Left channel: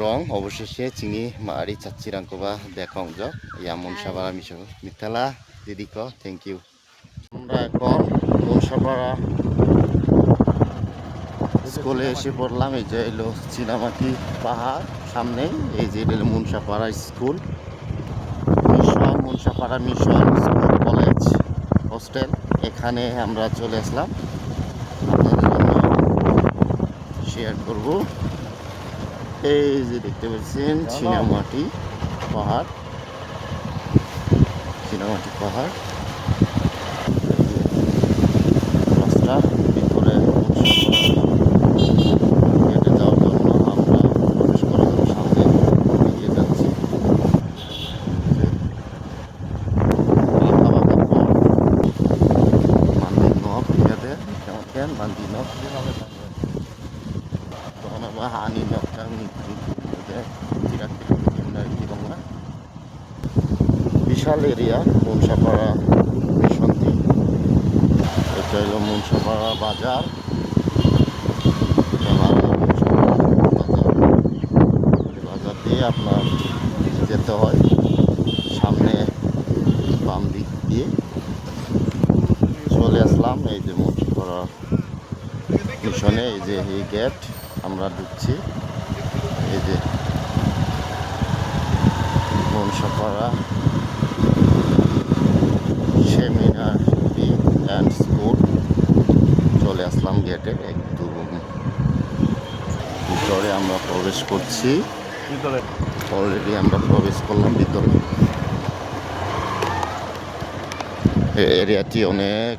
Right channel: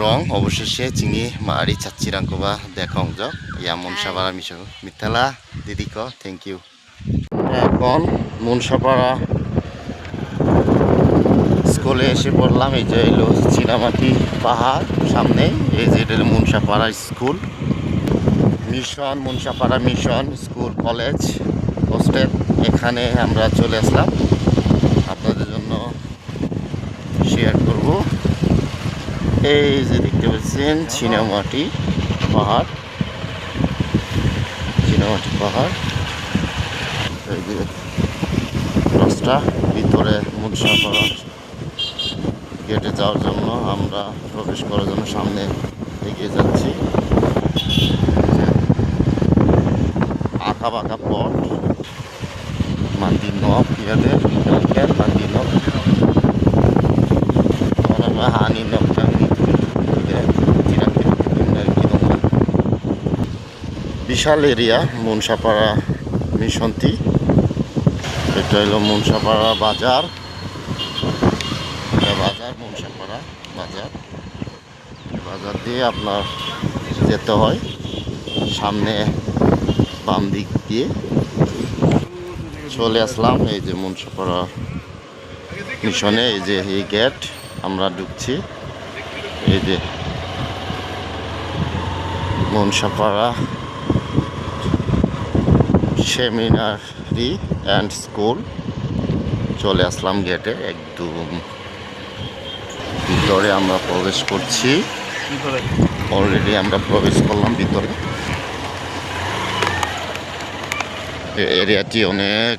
Amrong অবশেষে চিনি মারি চাচ্চিরাংকোবা দেখাংজক ইয়া মনসাপাড়া মিশো মিথালা দিদিকো থ্যাংক ইউ এখন মনসাপাড়া স্কুলে এসে পড়লাম এই যে এলো চীনামাটি পাহাড় সামনে এই যে এটা Monsapara school mission Monsapara mission school college hostel এখানে আমরা চলে আসলাম আপনাদের জন্য শেয়ার করব এই যে দেখতে পাচ্ছেন চীনামাটি পাহাড় রাস্তা ভিতরে মনসাপাড়া গেটে যাওয়ার জন্য আমরা প্রবেশ করার জন্য সামনে এগিয়ে যাচ্ছি আঁকা বাঁকা পথ মান্দির নব ইয়াদের খেল মান্দির নব হানি নবটাং বিশাল এরিয়া মনসাপাড়া মিশনটি এটা হলো মনসাপাড়া বাজার মনসাপাড়া বাজার দিয়ে আপনার যেতে হয় সামনে বাম দিক দিয়ে চলে আসলাম এই যে মনসাপাড়া মিশনে এই যে এই গেট আমরা ঢুকছি এই যে মনসাপাড়া সেমিনারি অ্যান্ড স্কুল চলে আসলাম গেটে একদম ভিতরে আমরা প্রবেশ করছি অলরেডি আমরা প্রবেশ করলাম ভিতরে এরিয়াটি অনেক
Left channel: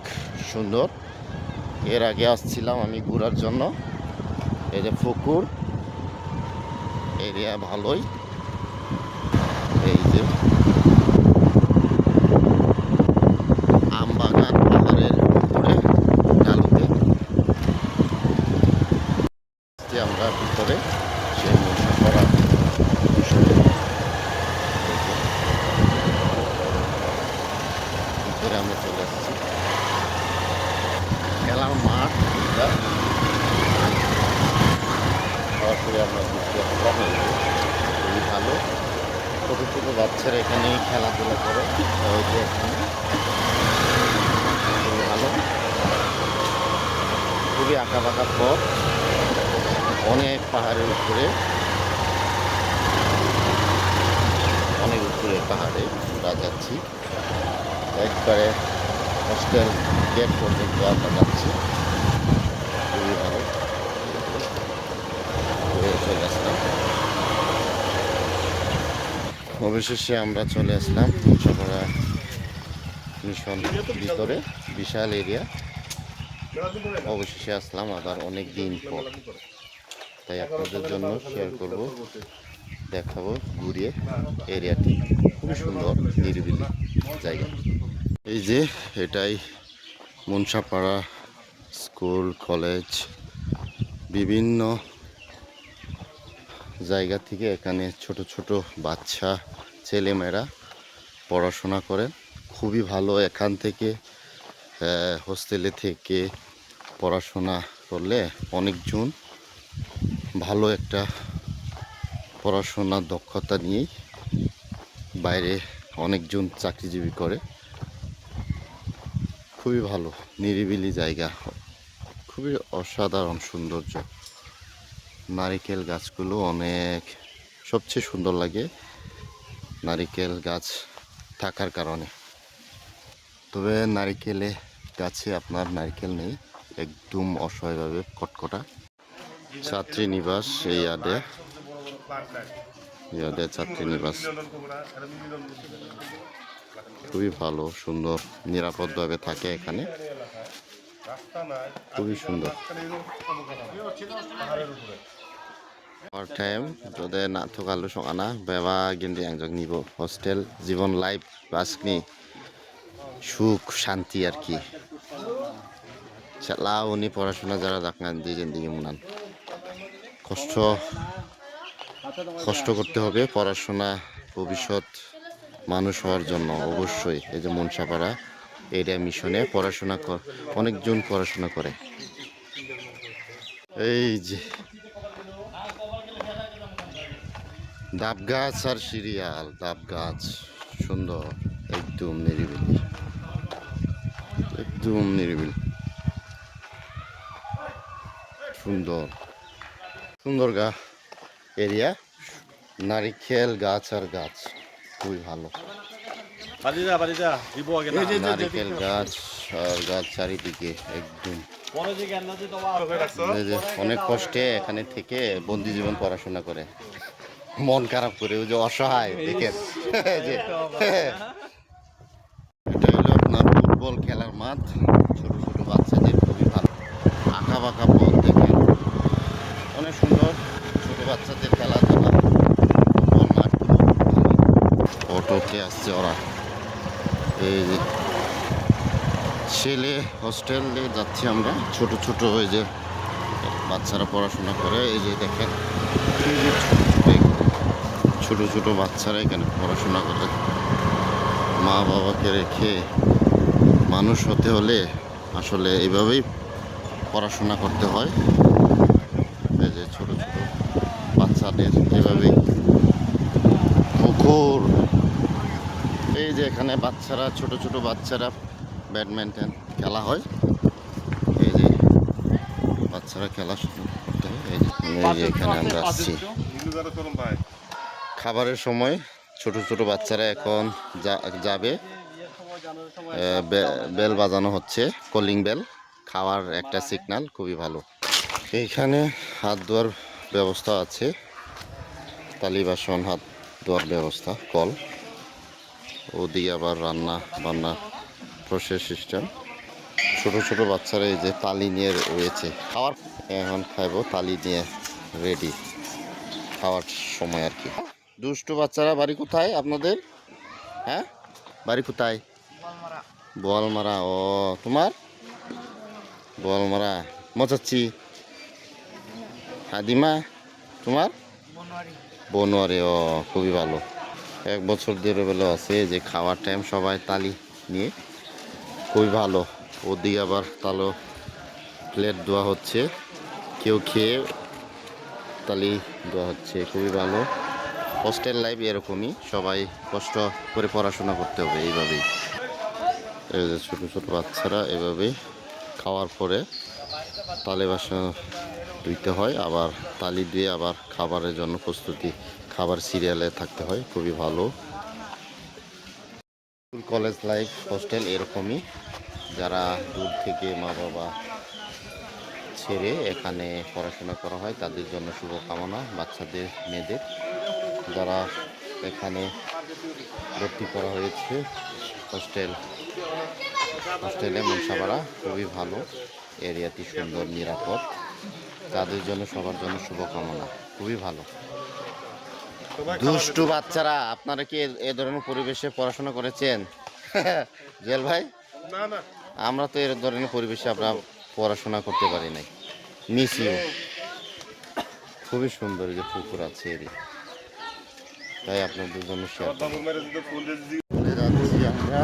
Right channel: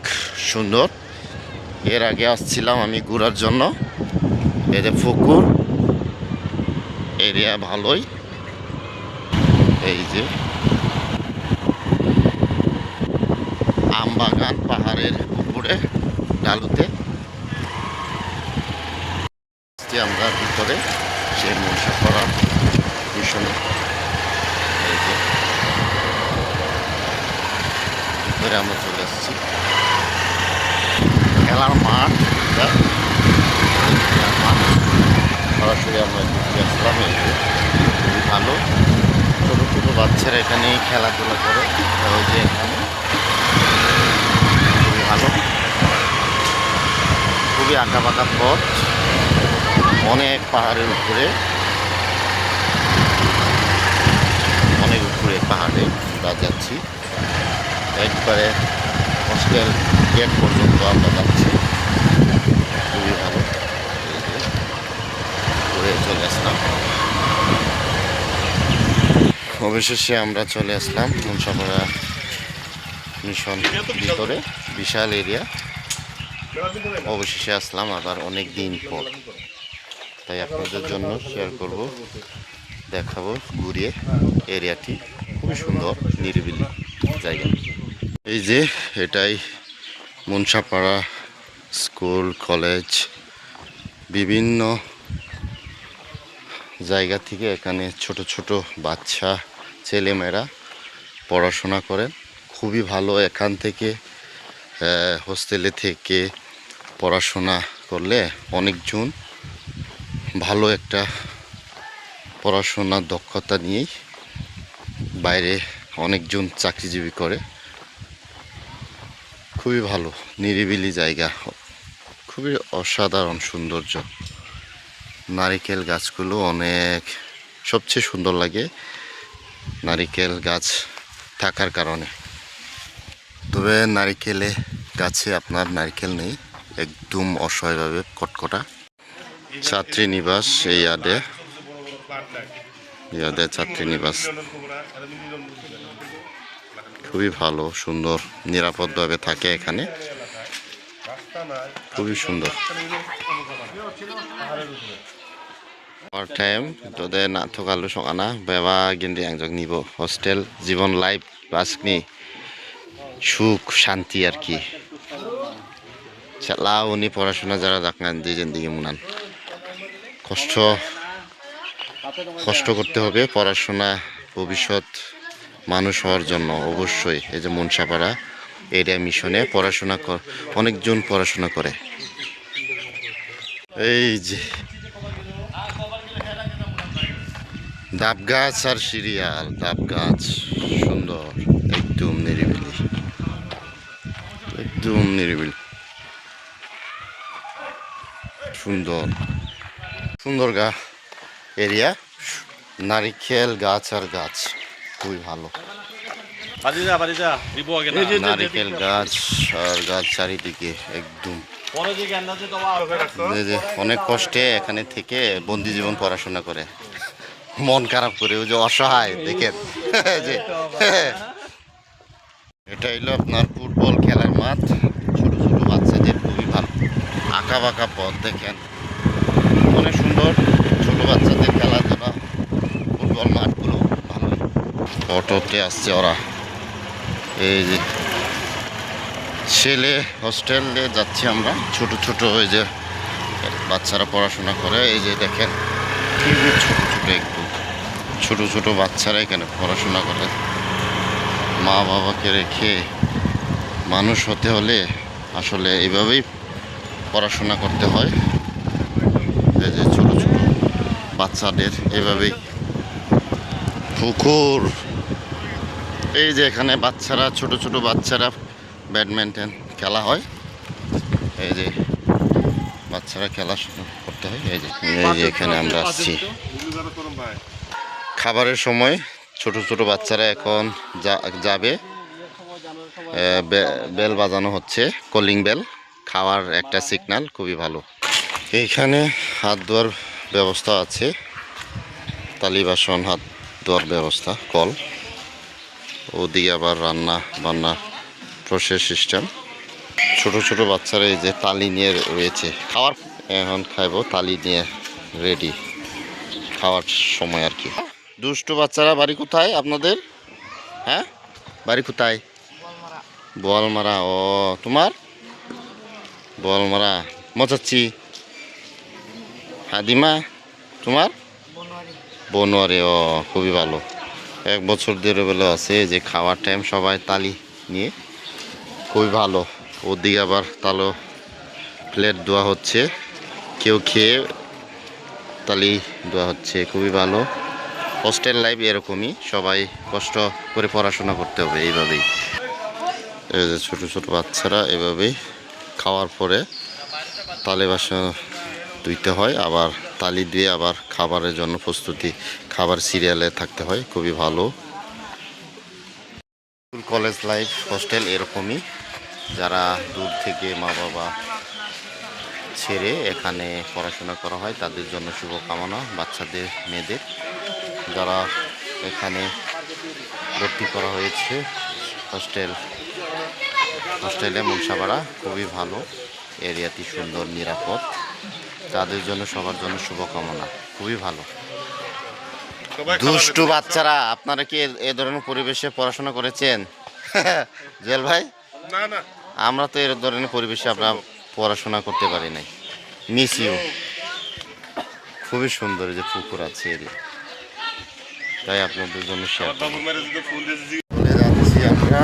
সুন্দর এর আগে আসছিলাম আমি ঘোরার জন্য এই যে পুকুর এরিয়া ভালোই এই যে আম বাগান পাহাড়ের উপরে ডালুতে আমরা ভিতরে সেই মনসাপাড়া মিশনে এই যে ভিতরে আমরা চলে আসছি খেলার মাঠ সরাসরি আমরা ঘুরতে আসলাম এই যে খুবই ভালো ছোটো ছোটো বাচ্চারা এখানে খেলাধুলা করে ওই যে এখানে খুবই ভালো খুবই আঁকা বাঁকা পথ অনেক পাহাড়ের উপরে পাহাড়ে আমরা যাচ্ছি একবারে হোস্টেল গেট পর্যন্ত আমরা যাচ্ছি খুবই ভালো ঘুরে চলে আসলাম অবশেষে আমরা চলে আসলাম মনসাপাড়া মিশন ভিতরে বিশাল এরিয়া অবশেষে আসলাম আবার অনেক দিন পর তাই আপনাদের জন্য শেয়ার করব দেখাবো ঘুরিয়ে এরিয়াটি খুবই সুন্দর নিরিবিলি জায়গা এই যে এটাই মনসাপাড়া স্কুল কলেজ বিভিন্ন জায়গা থেকে এখানে ছোট ছোট বাচ্চা ছেলেমেয়েরা পড়াশোনা করেন খুবই ভালো এখান থেকে হোস্টেলে থেকে পড়াশোনা করলে অনেকজন ভালো একটা পড়াশোনার দক্ষতা নিয়েই বাইরে অনেকজন চাকরিজীবী করে খুবই ভালো নিরিবিলি জায়গা খুবই অসাধারণ সৌন্দর্য নারিকেল গাছগুলো অনেক সবচেয়ে সুন্দর লাগে নারিকেল গাছ থাকার কারণে তবে নারিকেলে গাছে আপনার নারিকেল নেই একদম অসহায়ভাবে কটকটা ছাত্রী নিবাস এই ইয়াদে ছাত্রী নিবাস খুবই ভালো সুন্দর নিরাপদভাবে থাকে এখানে খুবই সুন্দর পার টাইম তোদের না থকালু সকানা বেবা গেন্দি আংজক নিব হোস্টেল জীবন লাইফ বাসকনি সুখ শান্তি আর কি চালা উনি পড়াশোনা যারা দেখেন দিন দিকে মুনান কষ্ট করতে হবে পড়াশোনা ভবিষ্যৎ মানুষ হওয়ার জন্য অবশ্যই এই যে মনসাপাড়া এরিয়া মিশনে পড়াশোনা অনেকজন পড়াশোনা করে এই যে ডাব গাছ আর সিরিয়াল, ডাব গাছ সুন্দর, একদম নিরিবিলি, একদম নিরিবিলি, সুন্দর সুন্দর এরিয়া। নারিকেল গাছ আর গাছ খুবই ভালো, নারিকেল গাছ আর গাছ চারিদিকে একদম। এই যে অনেক কষ্টে এখানে থেকে বন্দি জীবন পড়াশোনা করে, মন খারাপ করে, ওই যে অসহায় দেখেন যে এটা হলো আপনার ফুটবল খেলার মাঠ, ছোট ছোট বাচ্চাদের খুবই ভালো, আঁকা বাঁকা পথ দেখেন, অনেক সুন্দর, ছোট বাচ্চাদের খেলাধুলা, ফুটবল মাঠগুলো ভালোই। অটোতে আসছে ওরা, এই যে ছেলে হোস্টেলে যাচ্ছি আমরা, ছোট ছোট ওই যে বাচ্চারা পড়াশোনা করে, এই যে দেখেন খুবই ছোট ছোট, একটু ছোট ছোট বাচ্চারা এখানে পড়াশোনা করে। মা বাবাকে রেখে মানুষ হতে হলে আসলে এইভাবেই পড়াশোনা করতে হয়। এই যে ছোট ছোট বাচ্চাদের এভাবেই পুকুর, এই যে এখানে বাচ্চারা, ছোট ছোট বাচ্চারা ব্যাডমিন্টন খেলা হয়, এই যে বাচ্চারা খেলা করতে হয়। এই যে এখানে আমরা আসছি খাবারের সময়, ছোট ছোট বাচ্চারা এখন যাবে, বেল বাজানো হচ্ছে, কলিং বেল, খাওয়ার একটা সিগন্যাল, খুবই ভালো। এইখানে হাত ধোয়ার ব্যবস্থা আছে, তালি বাসন হাত ধোয়ার ব্যবস্থা, কল, ওদিকে আবার রান্না বান্না প্রসেস সিস্টেম। ছোট ছোট বাচ্চারা এই যে তালি নিয়ে রয়েছে, খাওয়ার এখন খাইবো, তালি নিয়ে রেডি খাওয়ার সময় আর কি। দুষ্টু বাচ্চারা, বাড়ি কোথায় আপনাদের? হ্যাঁ, বাড়ি কোথায়? বোয়ালমারা। ও, তোমার বোয়ালমারা। মচাচ্ছি। হাদিমা, তোমার? বনোয়ারি। ও, খুবই ভালো, 1 বছর দেড় বেলা আছে, যে খাওয়ার টাইম সবাই তালি নিয়ে, খুবই ভালো। ওদিকে আবার তালো প্লেট দেওয়া হচ্ছে, কেউ খেয়ে তালি দেওয়া হচ্ছে, খুবই ভালো। হোস্টেল লাইফ এরকমই, সবাই কষ্ট করে পড়াশোনা করতে হবে এইভাবেই। এই যে ছোটো ছোটো বাচ্চারা এভাবেই খাওয়ার পরে তালি বাসন ধুইতে হয়, আবার তালি দিয়ে আবার খাবারের জন্য প্রস্তুতি, খাবার সিরিয়ালে থাকতে হয়, খুবই ভালো। স্কুল কলেজ লাইফ হোস্টেল এরকমই, যারা দূর থেকে মা বাবা ছেড়ে এখানে পড়াশোনা করা হয় তাদের জন্য শুভকামনা, বাচ্চাদের, মেয়েদের যারা এখানে ভর্তি করা হয়েছে হোস্টেলে মুনসাপাড়া, খুবই ভালো, এরিয়াটি সুন্দর, নিরাপদ, তাদের জন্য সবার জন্য শুভকামনা, খুবই ভালো। দুষ্টু বাচ্চারা, আপনারা কি এ ধরনের পরিবেশে পড়াশোনা করেছেন? জেল ভাই, না না, আমরা তো এর ধরনের পরিবেশে আমরা পড়াশোনা করতে পারি নাই। Miss you. খুবই সুন্দর, যে পুকুর আছে এরিয়া, তাই আপনাদের জন্য শেয়ার চলে যাচ্ছি আমরা,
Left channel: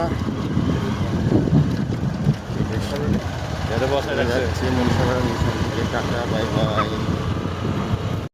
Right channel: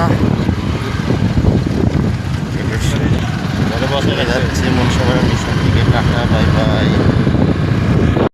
চলে যাচ্ছি মুনসাপাড়া মিশন থেকে। Tata, bye bye.